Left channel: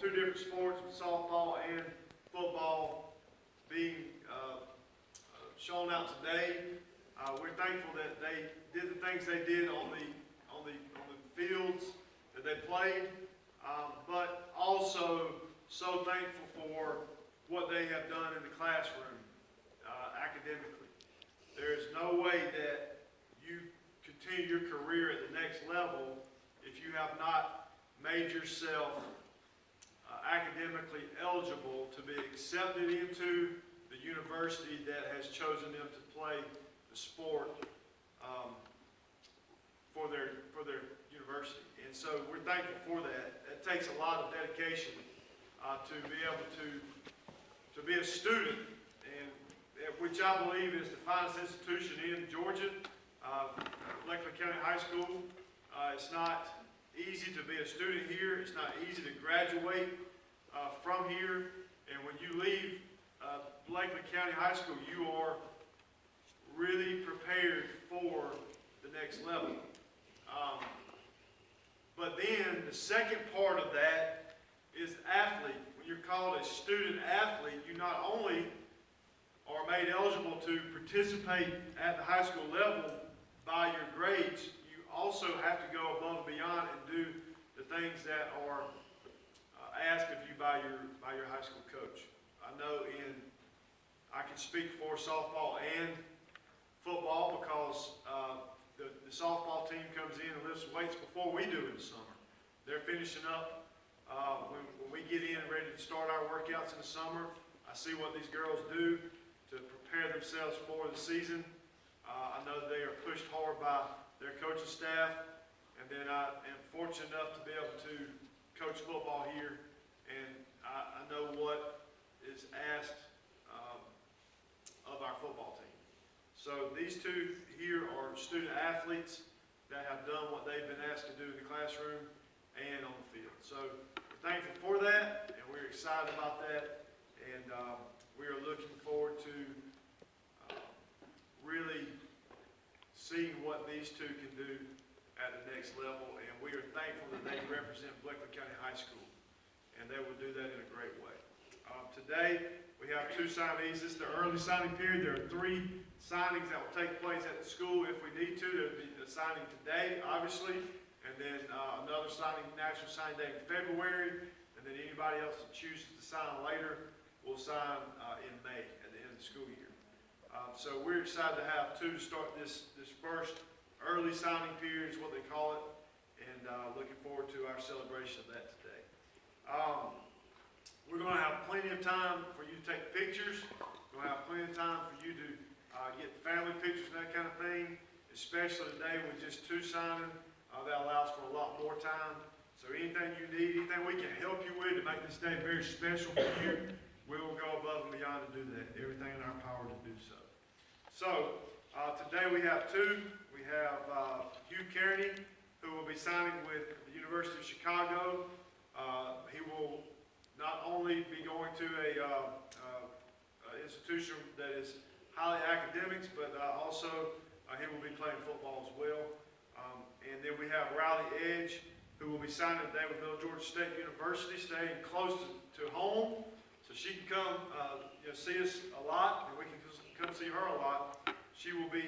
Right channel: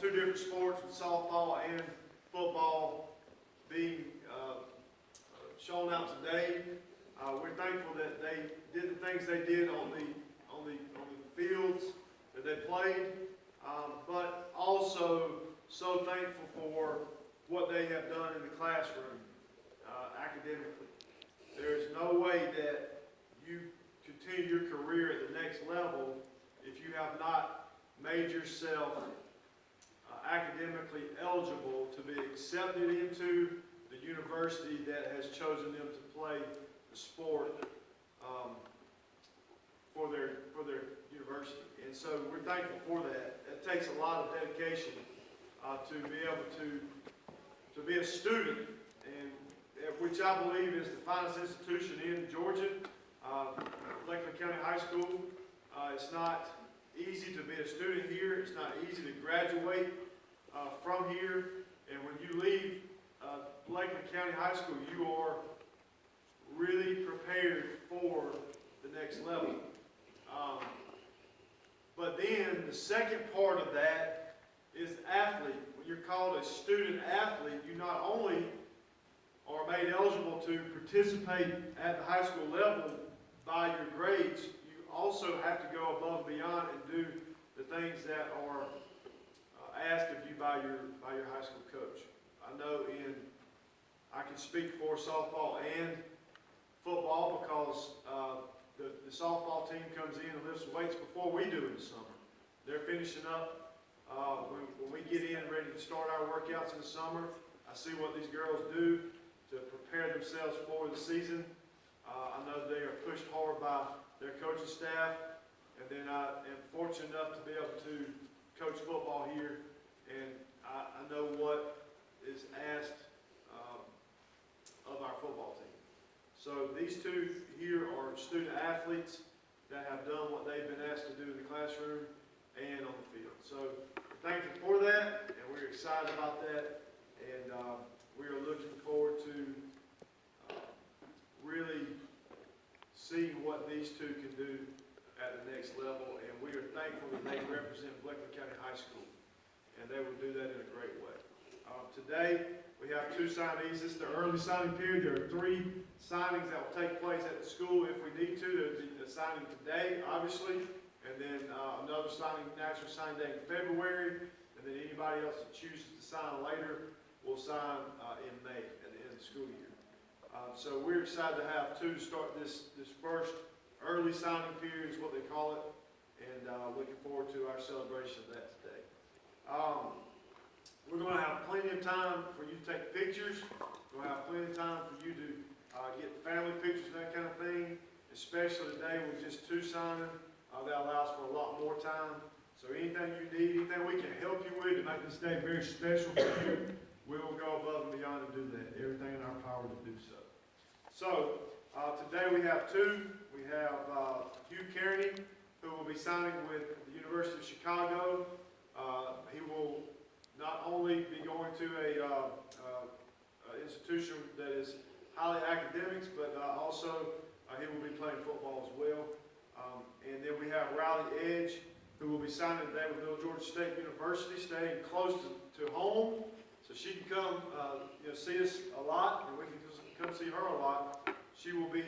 two different sports, with softball and football being shown out today. We're thankful that they did the things they did on the fields that they played, but also so thankful for what they have done in the classroom academically. There is no way that you continue your career at the next level if you have not made yourself academically eligible to be accepted into the university that has chosen them to play the sport for their university. And so we're thankful for that. It takes a lot of dedication to be able to be a student, and which I believe is the finest institution in Georgia, Lakeland County High School. It's not easy to be a student here. It's not easy to graduate from here. And when you leave Lakeland County High School, you are really prepared for the next level. But then the second part of that is athlete. When you're called a student athlete, you not only are made eligible to participate at the high school level by your grades, you also have to go above and beyond and do the things that are asked of you by your high school coach. I know I can speak for softball and football because the softball team comes in and lifts weights before we do in the summer. They're finishing up when we get in ready to start our workouts in the summer. I see what these girls do to prepare themselves for the season. I know they are pushed hard by their coaching staff, and then I am fortunate enough to be able to coach football here, and I know what is asked of our football team. So these two here are student athletes that have done what they've been asked to do in the classroom and on the field. So we're thankful for that, and we're excited about that, and we are looking forward to really seeing what these two can do at the next level, and we are thankful that they represent Lakeland County High School, and they will do that in a great way. Today, we have two signees. This is the early signing period. There are 3 signings that will take place at the school if we need to. There will be a signing today, obviously, and then another signing, National Signing Day in February, and then anybody else that chooses to sign later will sign in May at the end of the school year. So we're excited to have 2 to start this first early signing period is what they call it, and looking forward to our celebration of that today. We're going to have plenty of time for you to take pictures. We're going to have plenty of time for you to get family pictures and that kind of thing, especially today with just 2 signing. That allows for a lot more time. So anything you need, anything we can help you with to make this day very special for you, we will go above and beyond to do that. Everything in our power to do so. So today we have 2. We have Hugh Kearney, who will be signing with the University of Chicago. He will not only be going to a institution that is highly academics, but also he will be playing football as well. And then we have Riley Edge, who will be signing today with Middle Georgia State University, staying close to home, so she can come see us a lot, and we can just come see her a lot. She will be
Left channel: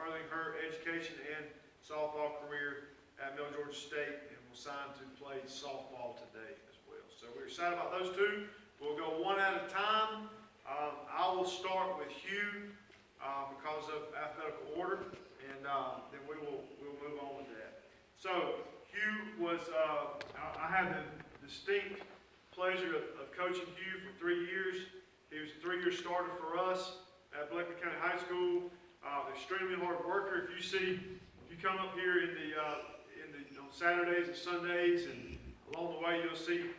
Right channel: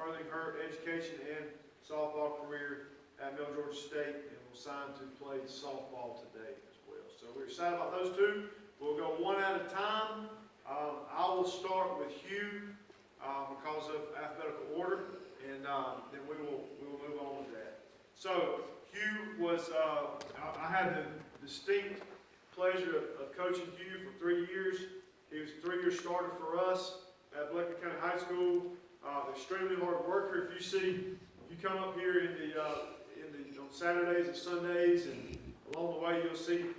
furthering her education and softball career at Middle Georgia State, and will sign to play softball today as well. So we're excited about those 2. We'll go one at a time. I will start with Hugh because of alphabetical order, and then we will move on with that. So Hugh was, I had the distinct pleasure of coaching Hugh for 3 years. He was a 3-year starter for us at Lakeland County High School. Extremely hard worker. If you come up here on Saturdays and Sundays, and along the way you'll see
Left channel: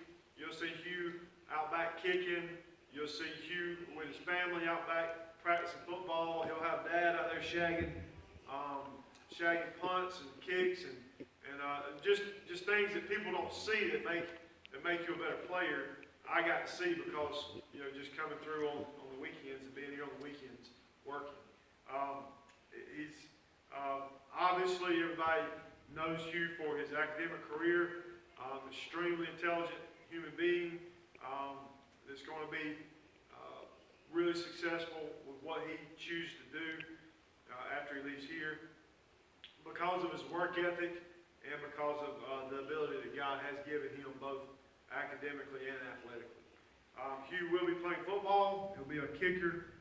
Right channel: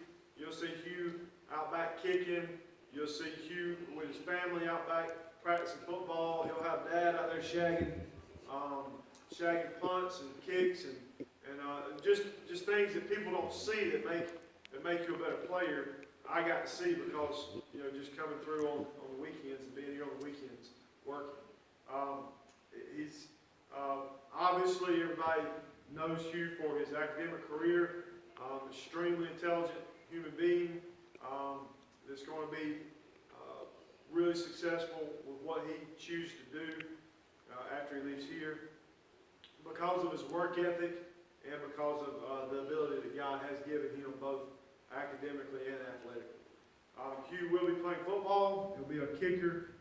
Hugh out back kicking. You'll see Hugh with his family out back practicing football. He'll have Dad out there shagging punts and kicks and just things that people don't see that make you a better player. I got to see because just coming through on the weekends and being here on the weekends working. He's obviously everybody knows Hugh for his academic career. Extremely intelligent human being that's going to be really successful with what he chooses to do after he leaves here, because of his work ethic and because of the ability that God has given him both academically and athletically. Hugh will be playing football. He'll be a kicker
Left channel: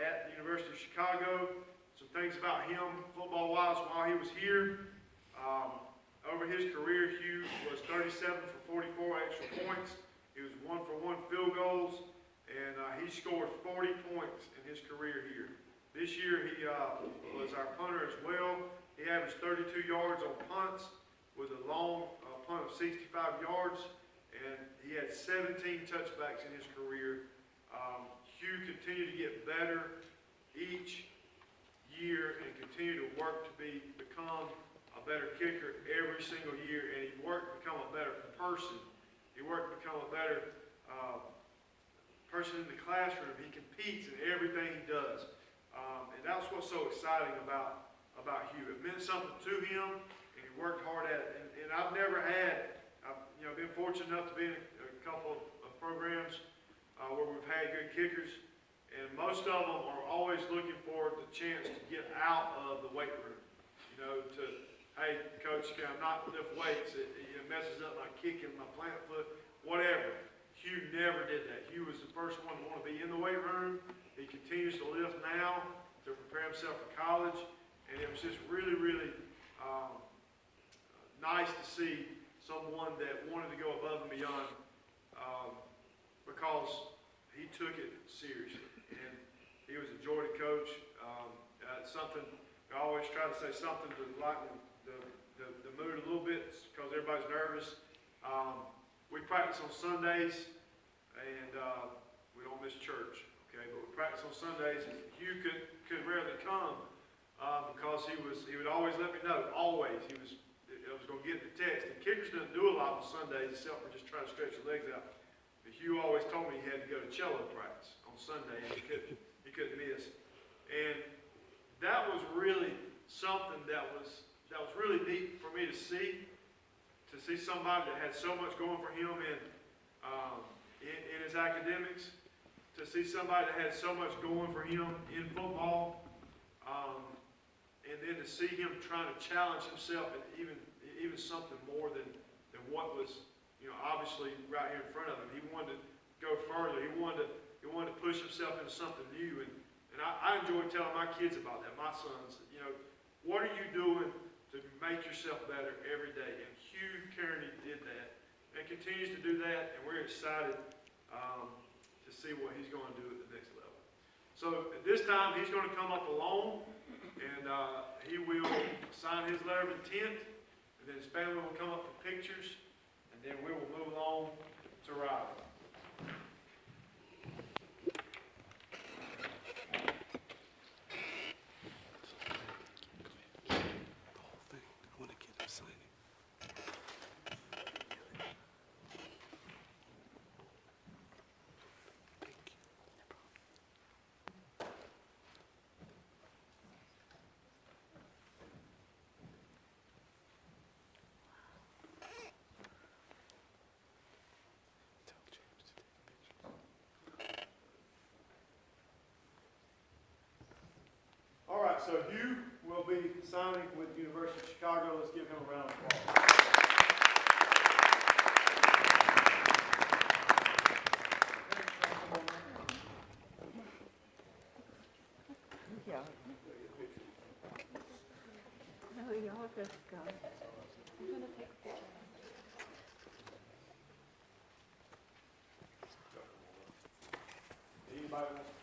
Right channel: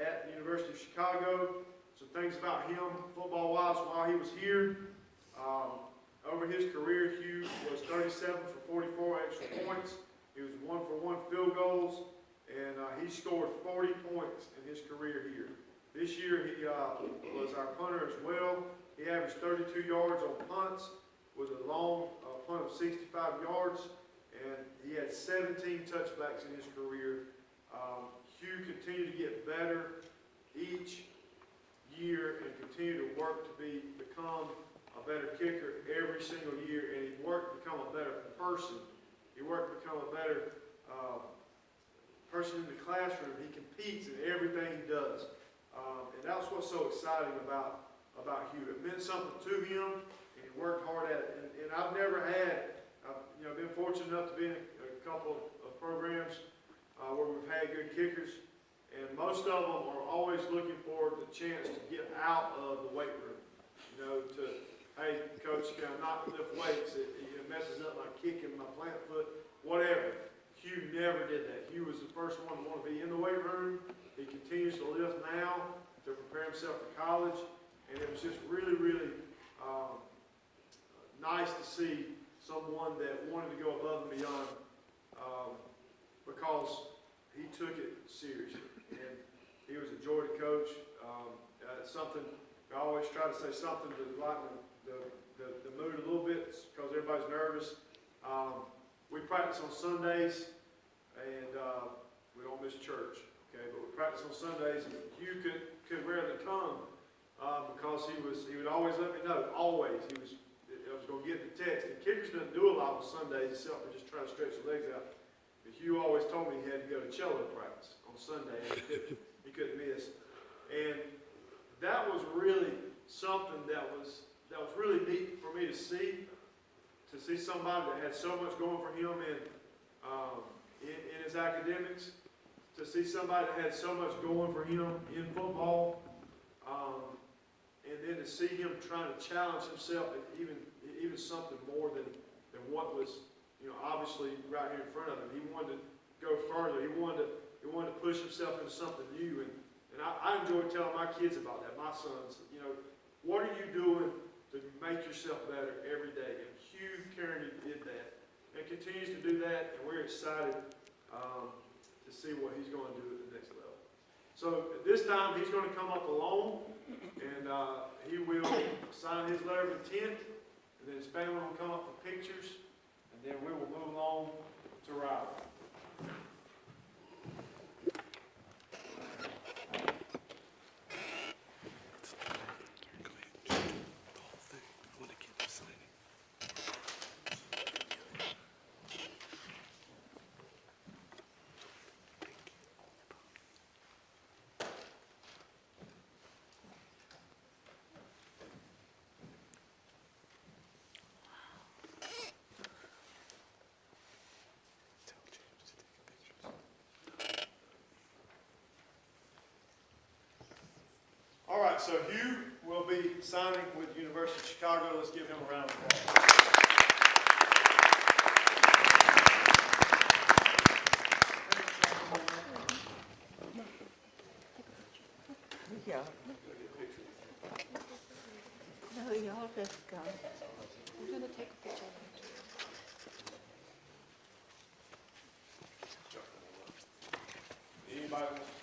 at the University of Chicago. Some things about him football-wise while he was here. Over his career, Hugh was 37 for 44 extra points. He was 1 for 1 field goals, and he scored 40 points in his career here. This year, he was our punter as well. He averaged 32 yards on punts with a long punt of 65 yards, and he had 17 touchbacks in his career. Hugh continued to get better each year and continue to work to become a better kicker every single year, and he worked to become a better person. He worked to become a better person in the classroom. He competes in everything he does, and that's what's so exciting about Hugh. It meant something to him, and he worked hard at it. And I've never had, I've been fortunate enough to be in a couple of programs where we've had good kickers, and most of them are always looking for the chance to get out of the weight room. Hey, coach, can I not lift weights? It messes up my kicking, my plant foot, whatever. Hugh never did that. Hugh was the first one to want to be in the weight room. He continues to lift now to prepare himself for college. And it was just really, really nice to see someone that wanted to go above and beyond because he took it seriously. And he was a joy to coach. It's something, I always try to say something to lighten the mood a little bit because everybody's nervous. We practice on Sundays, and we don't miss church, okay? But we practice on Sundays, and Hugh could rarely come because he would always let me know, always. I was going to get the text. And kickers doesn't do a lot on Sundays except for just trying to stretch the legs out. But Hugh always told me he had to go to cello practice on Sunday, and he couldn't miss. And that was really something that was really neat for me to see somebody that had so much going for him in his academics, to see somebody that had so much going for him in football, and then to see him trying to challenge himself and even something more than what was, obviously right here in front of him. He wanted to go further. He wanted to push himself into something new, and I enjoy telling my kids about that, my sons. What are you doing to make yourself better every day? And Hugh Kearney did that and continues to do that, and we're excited to see what he's going to do at the next level. So at this time, he's going to come up alone, and he will sign his letter of intent, and then his family will come up for pictures, and then we will move on to Riley. All right, so Hugh will be signing with the University of Chicago. Let's give him a round of applause. Yeah. No, y'all just go. I'm going to take a picture. Anybody want to